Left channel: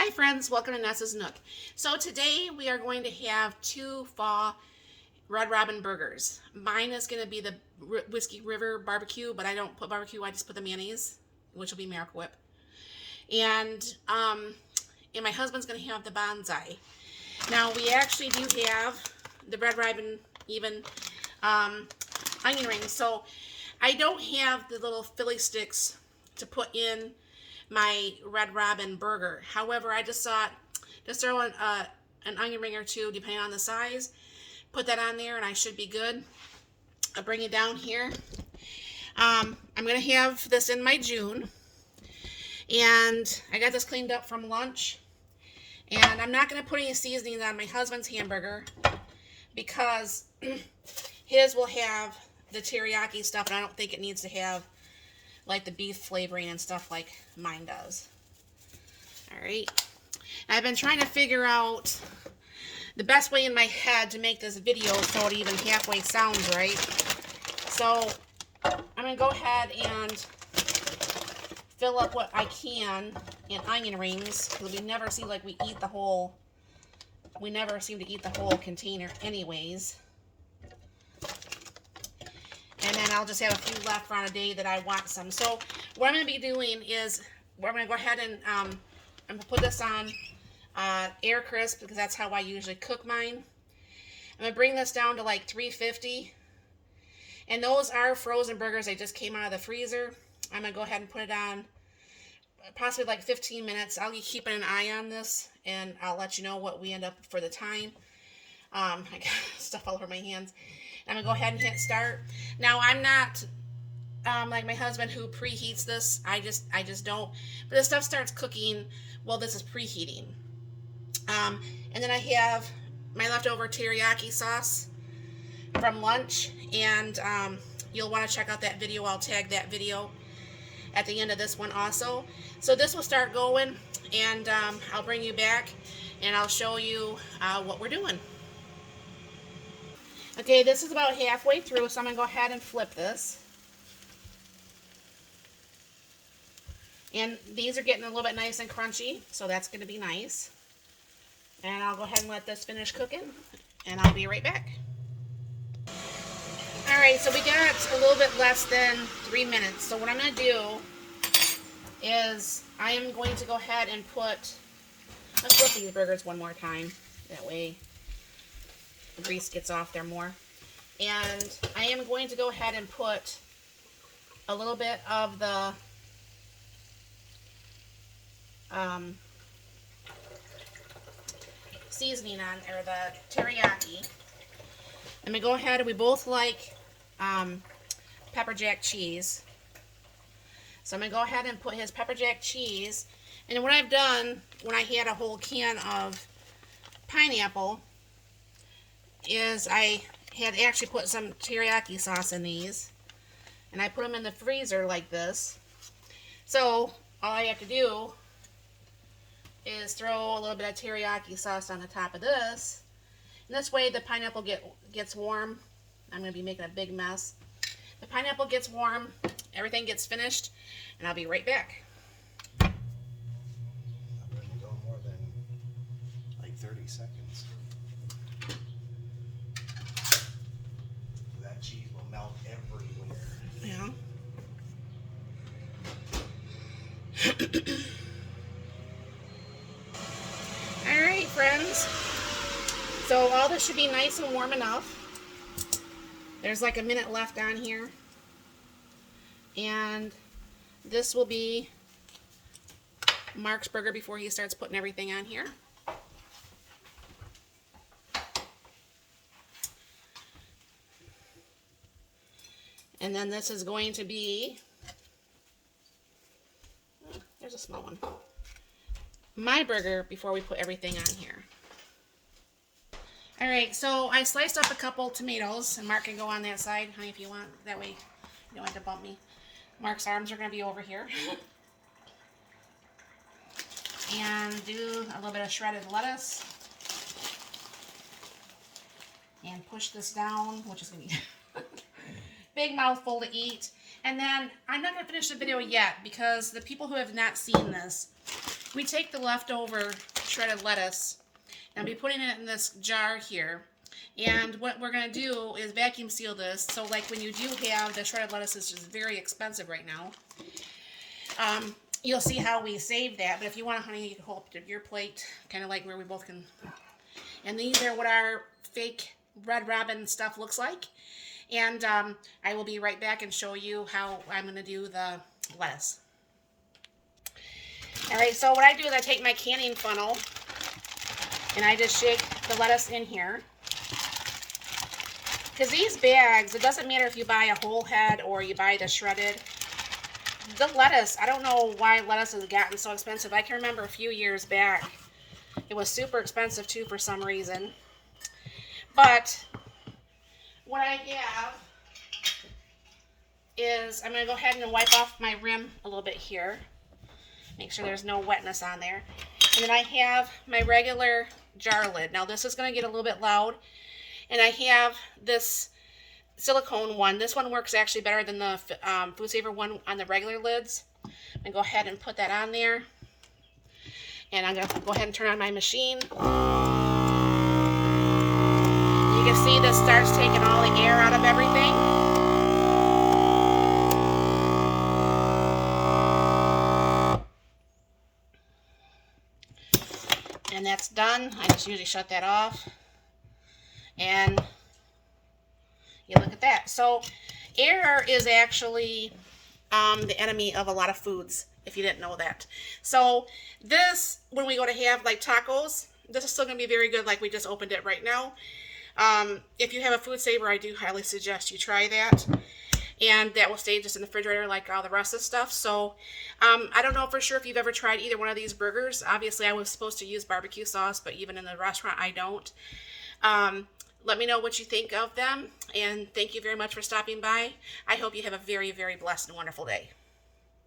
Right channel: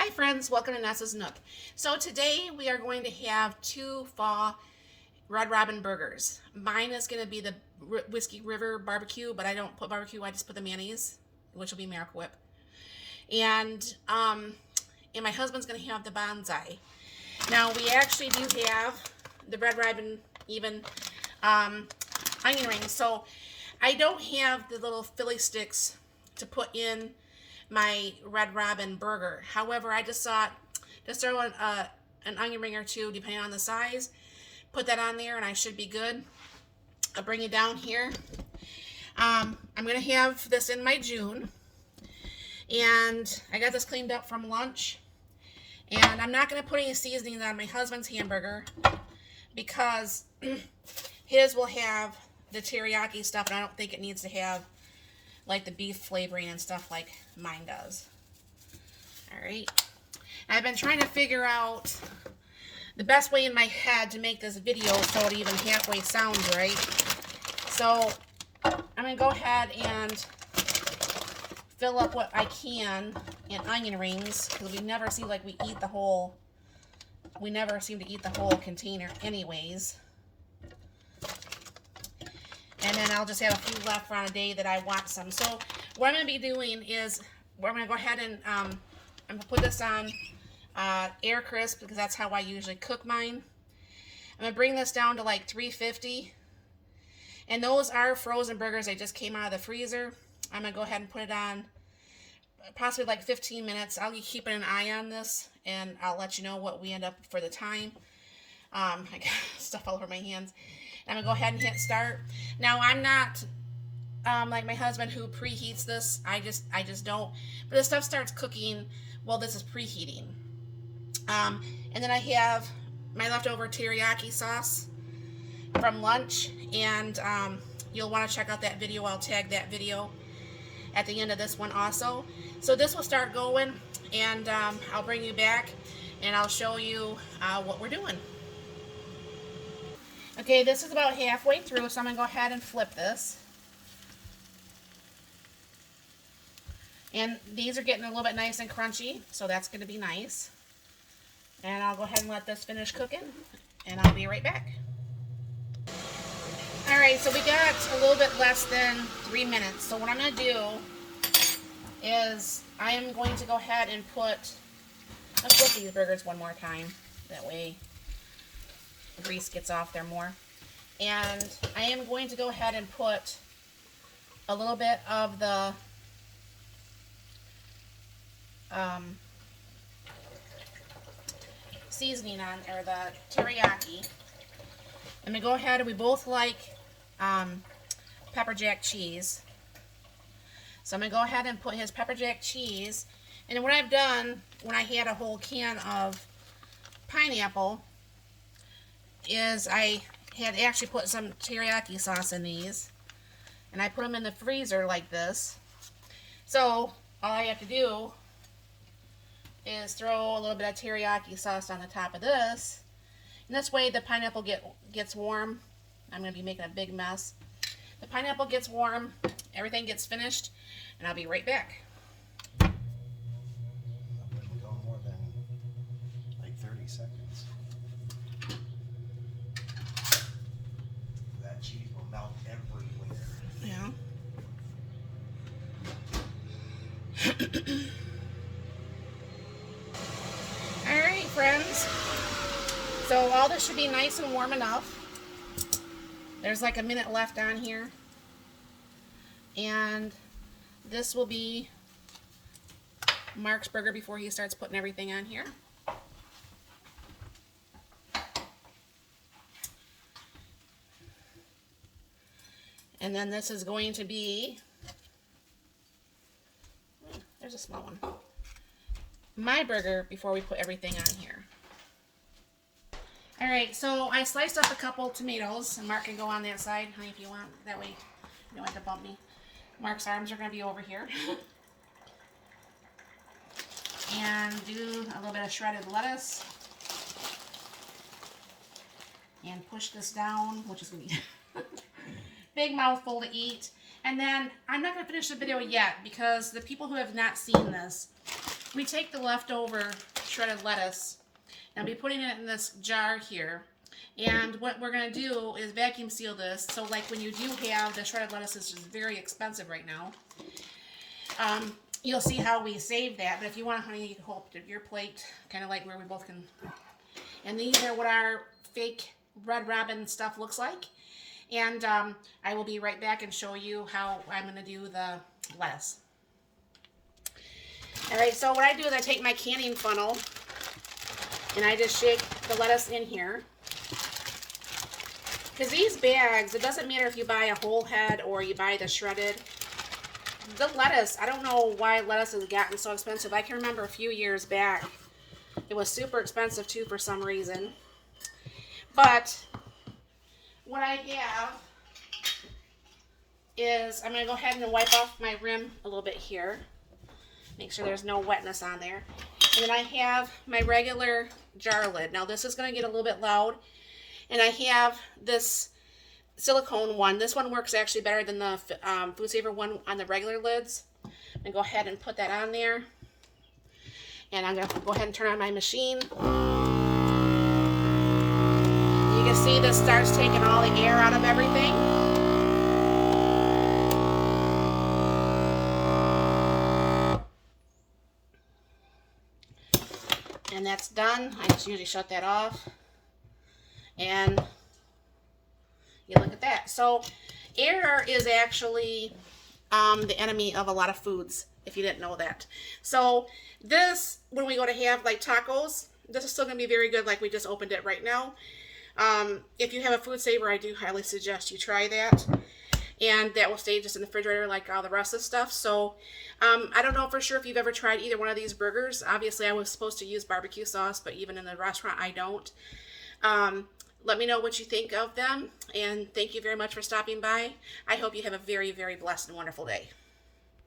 Hi friends, welcome to Nessa's Nook. So today we are going to have two Faux Red Robin burgers. Mine is going to be the Whiskey River barbecue, but I don't put barbecue, I just put the mayonnaise, which will be Miracle Whip. And my husband's going to have the Bonzi. Now we actually do have the Red Robin even onion rings. So I don't have the little Philly sticks to put in my Red Robin burger. However, I just thought, just throw an onion ring or two, depending on the size. Put that on there, and I should be good. I'll bring it down here. I'm going to have this in my June. And I got this cleaned up from lunch. And I'm not going to put any seasoning on my husband's hamburger because his will have the teriyaki stuff, and I don't think it needs to have like the beef flavoring and stuff like mine does. Alright. I've been trying to figure out the best way in my head to make this video so it even halfway sounds right. So I'm going to go ahead and fill up what I can in onion rings, because we never seem like we eat the whole, we never seem to eat the whole container anyways. And then I'll just have a few left for on a day that I want some. So what I'm going to be doing is, we're going to go ahead and I'm going to put this on air crisp, because that's how I usually cook mine. I'm going to bring this down to like 350. And those are frozen burgers. They just came out of the freezer. I'm going to go ahead and put it on possibly like 15 minutes. I'll be keeping an eye on this, and I'll let you know what we end up for the time. I got stuff all over my hands. I'm going to go ahead and hit start. Now, I'm not like my husband who preheats this. I just don't. But the stuff starts cooking while this is preheating. And then I have my leftover teriyaki sauce from lunch. And you'll want to check out that video. I'll tag that video at the end of this one also. So this will start going. And I'll bring you back. And I'll show you what we're doing. Okay, this is about halfway through, so I'm going to go ahead and flip this. And these are getting a little bit nice and crunchy, so that's going to be nice. And I'll go ahead and let this finish cooking, and I'll be right back. Alright, so we got a little bit less than 3 minutes. So what I'm going to do is I'm going to go ahead and let's flip these burgers one more time. That way the grease gets off there more. And I am going to go ahead and put a little bit of the seasoning on, or the teriyaki. I'm going to go ahead, and we both like pepper jack cheese. So I'm going to go ahead and put his pepper jack cheese. And what I've done when I had a whole can of pineapple is I had actually put some teriyaki sauce in these, and I put them in the freezer like this. So all I have to do is throw a little bit of teriyaki sauce on the top of this, and this way the pineapple gets warm. I'm going to be making a big mess. The pineapple gets warm, everything gets finished, and I'll be right back. That wouldn't go more than like 30 seconds. That cheese will melt everywhere. Yeah. Alright, friends. So all this should be nice and warm enough. There's like a minute left on here. And this will be Mark's burger before he starts putting everything on here. And then this is going to be, there's a small one, my burger before we put everything on here. Alright, so I sliced up a couple tomatoes, and Mark can go on that side, honey, if you want. That way you don't have to bump me. Mark's arms are going to be over here. And do a little bit of shredded lettuce. And push this down, which is going to be big mouthful to eat. And then I'm not going to finish the video yet, because the people who have not seen this, we take the leftover shredded lettuce and I'll be putting it in this jar here. And what we're going to do is vacuum seal this. So like when you do have the shredded lettuce, is just very expensive right now. You'll see how we save that. But if you want, honey, you can hold up your plate, kind of like where we both can. And these are what our fake Red Robin stuff looks like. And I will be right back and show you how I'm going to do the lettuce. Alright, so what I do is I take my canning funnel and I just shake the lettuce in here. Because these bags, it doesn't matter if you buy a whole head or you buy the shredded. The lettuce, I don't know why lettuce has gotten so expensive. I can remember a few years back, it was super expensive too for some reason. But what I have is, I'm going to go ahead and wipe off my rim a little bit here. Make sure there's no wetness on there. And then I have my regular jar lid. Now this is going to get a little bit loud. And I have this silicone one. This one works actually better than the Food Saver one on the regular lids. I'm going to go ahead and put that on there. And I'm going to go ahead and turn on my machine. You can see this starts taking all the air out of everything. And that's done. I just usually shut that off. And you look at that. So air is actually the enemy of a lot of foods, if you didn't know that. So this, when we go to have like tacos, this is still going to be very good, like we just opened it right now. If you have a Food Saver, I do highly suggest you try that. And that will stay just in the refrigerator like all the rest of the stuff. So I don't know for sure if you've ever tried either one of these burgers. Obviously, I was supposed to use barbecue sauce, but even in the restaurant, I don't. Let me know what you think of them. And thank you very much for stopping by. I hope you have a very, very blessed and wonderful day.